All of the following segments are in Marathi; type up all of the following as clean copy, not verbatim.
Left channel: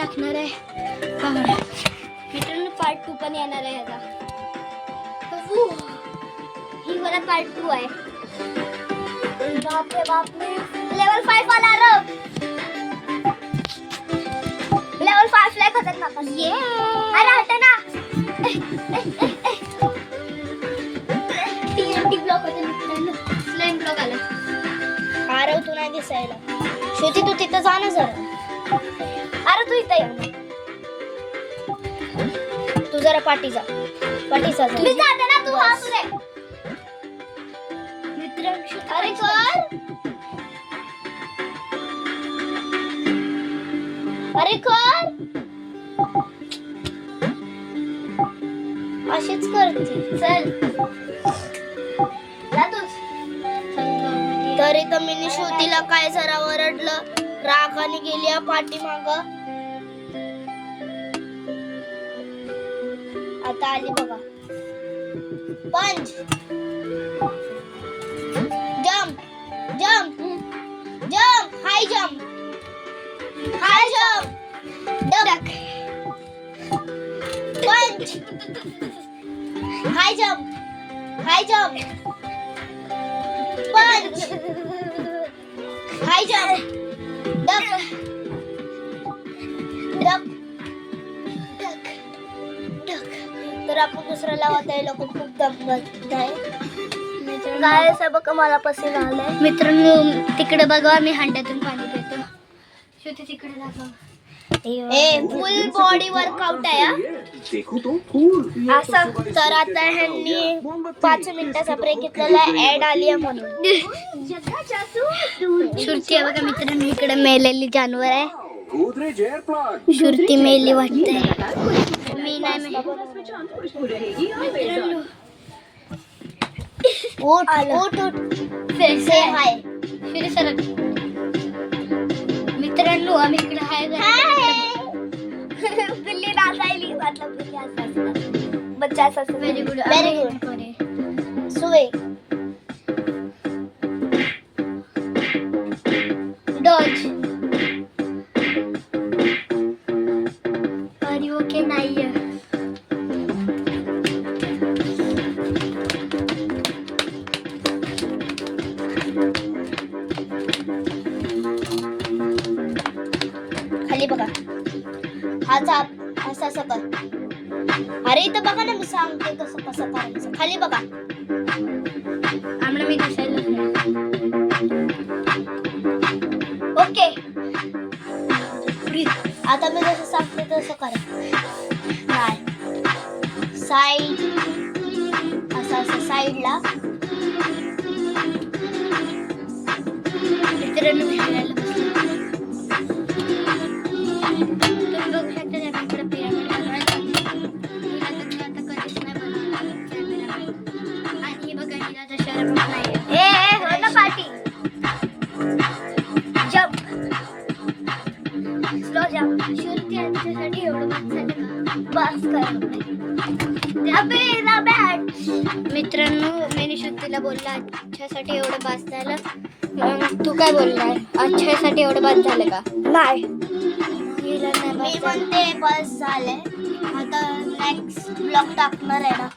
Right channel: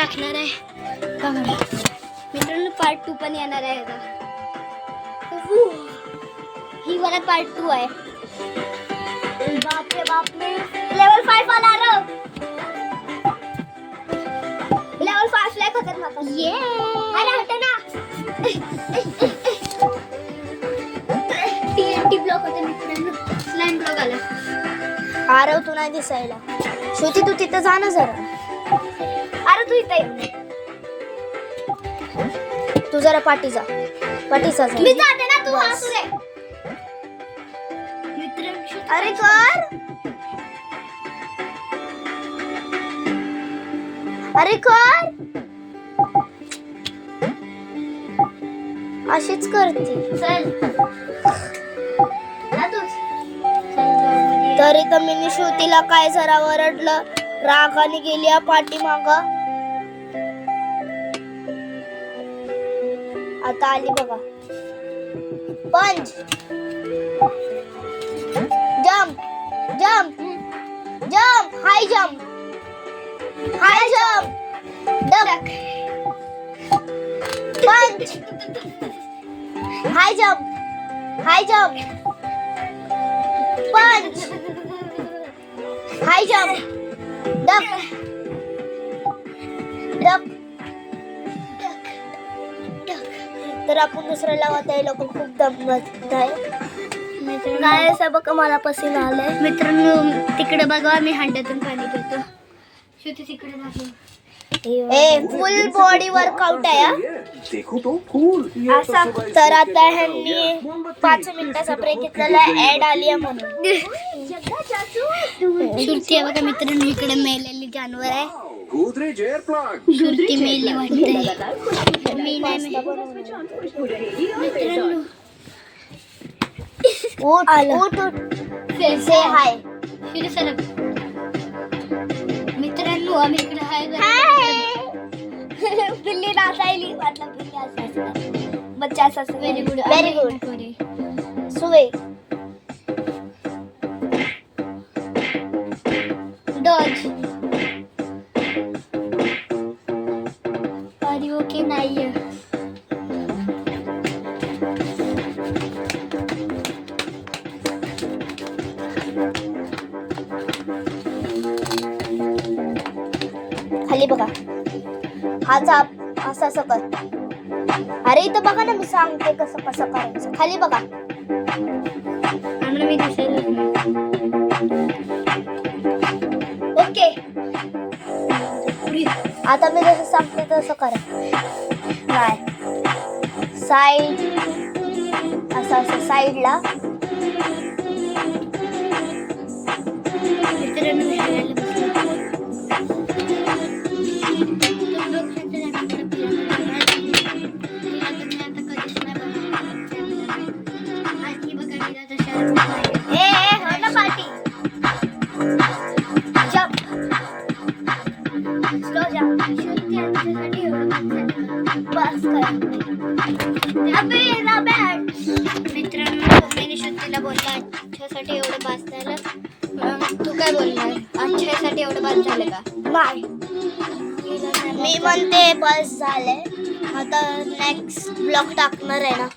टाकणार आहे बघा मित्रांनो. पार्ट 2 पण येणार आहे आता. ही वाला पार्ट 2 आहे. बापरे बापरे लेवल 5 आला रे. लेवल 5 ला खतरनाक ये. अरे हट ना. TNT ब्लॉक होते मित्रांनो. स्लाइम ब्लॉक आला. अरे तू नाही दिसायला. श्रुती तू तिथं जा ना जरा. अरे तू इथं ये. तू जरा पाठी जा. पाठी जा. मी जाते ना तू हासले. मित्रांनो अरे कर. अरे कर. अशीच करते. चल तरी तर मी श्रुतीला काय जरा ओरडलं. रागाने गेली पाठीमाग. आता आली बघा. पंच jump jump jump high jump high jump duck पंच हाय जम्प पंच हाय जम्प डक डक. तर आपण दुसरं लावत आहे. लोक खूप दमवत आहे. काय असं बघा मला पसीना आलाय. मित्रांनो तिकडे बघा मी हांड्यातून पाणी पितो. श्रुती तिकडे दाखव. फुल बॉडी वर्कआउट आहे असं. तर आता ह्यांनी 5 मिनिटाचा ब्रेक घेतलेला ऍड आली आहे म्हणून. श्रुती आहे बघा मित्रांनो इकडे मेलेली जानवर आहे. श्रुती मेली वाटते. मी नाही मित्रांनो. ओट से हाय मित्रांनो आम्ही इकडे हाय. बिल्ली नाचायली मतलब बिल्ली असा बच्चा असा. Very good very good. सुवे डॉज आर यू ओके नाही. खाली बघा. हा चाप असं असं कर. अरे इथं बघा ना मी सांगते कसं कसं करायचं. खाली बघा. आम्हाला मी दिसायला ओके. आता मी जसं सांगते तसं करा. नाही साईड असं असं साईडला. मित्रांनो मी श्रुतीला बोलला अच्छासाठी एवढं बास झालं. तू काय बोलणार? अच्छासाठी एवढं बास झालं का? नाही मी म्हणते बास झालंय. आता नेक्स्ट ब्लॉग टाकणार आहे ना.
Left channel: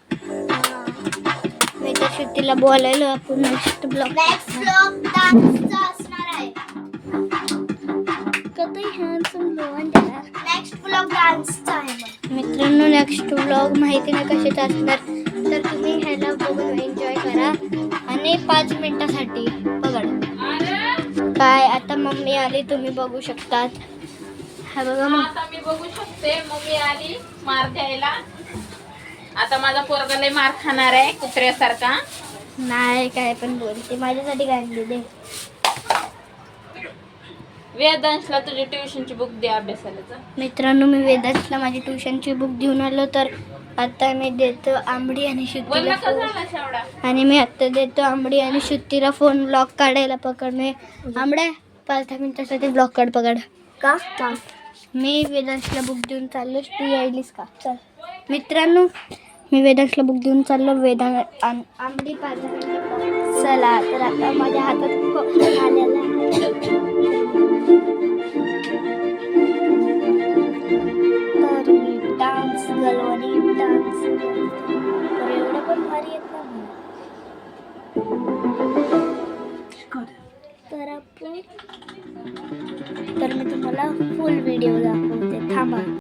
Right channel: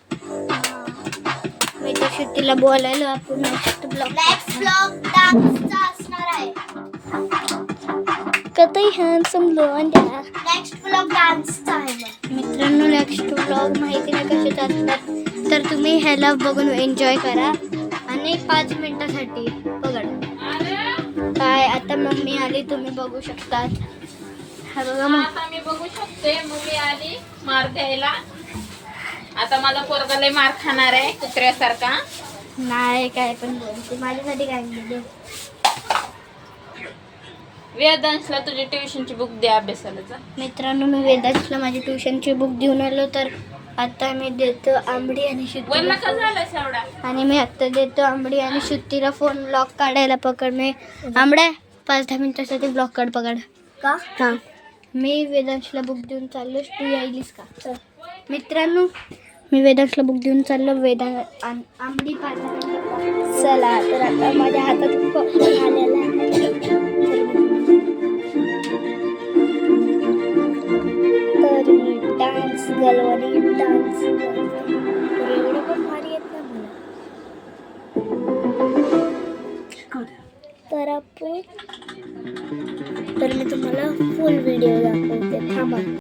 मी तर श्रुतीला बोलायला आपण नेक्स्ट ब्लॉग डान्सचा असणार आहे. कतई हँडसम ब्लॉग नेक्स्ट ब्लॉग डान्सचा आहे. मित्रांनो नेक्स्ट ब्लॉग माहिती नाही कशाचे असतात तर तुम्ही ह्याला बघून एन्जॉय करा. आणि 5 मिनिटासाठी बघा काय. आता मम्मी आली तुम्ही बघू शकतात. हा बघा मग आता मी बघू शकते. मम्मी आली मार द्यायला. आता माझा पोरगा लय मार खाणार आहे कुत्र्यासारखा. नाही काय पण बोलते. माझ्यासाठी काय आणले. वेदांशला तुझी ट्युशनची बुक दे अभ्यासाला. मित्रांनो मी वेदांशला माझी ट्युशनची बुक घेऊन आलो. तर आता मी देतो आंबडी आणि श्रुतीला. आणि मी आता देतो आंबडी आणि श्रुतीला फोन ब्लॉक काढायला. पकड मी आंबड्या 5-10 मिनिटासाठी ब्लॉक काढ. पकड का. मी वेदांशला बुक देऊन चाललो. तू यायलीस का? चल मित्रांनो मी वेदांशला बुक देऊन चाललो. आंबडी 5 मिनिटं. चला तर आता माझ्या हातात आलेला आहे. खाली डान्स तर एवढं पण भारी येत नाही मला. तर मी तुम्हाला फुल व्हिडिओ दाखवते, थांबा.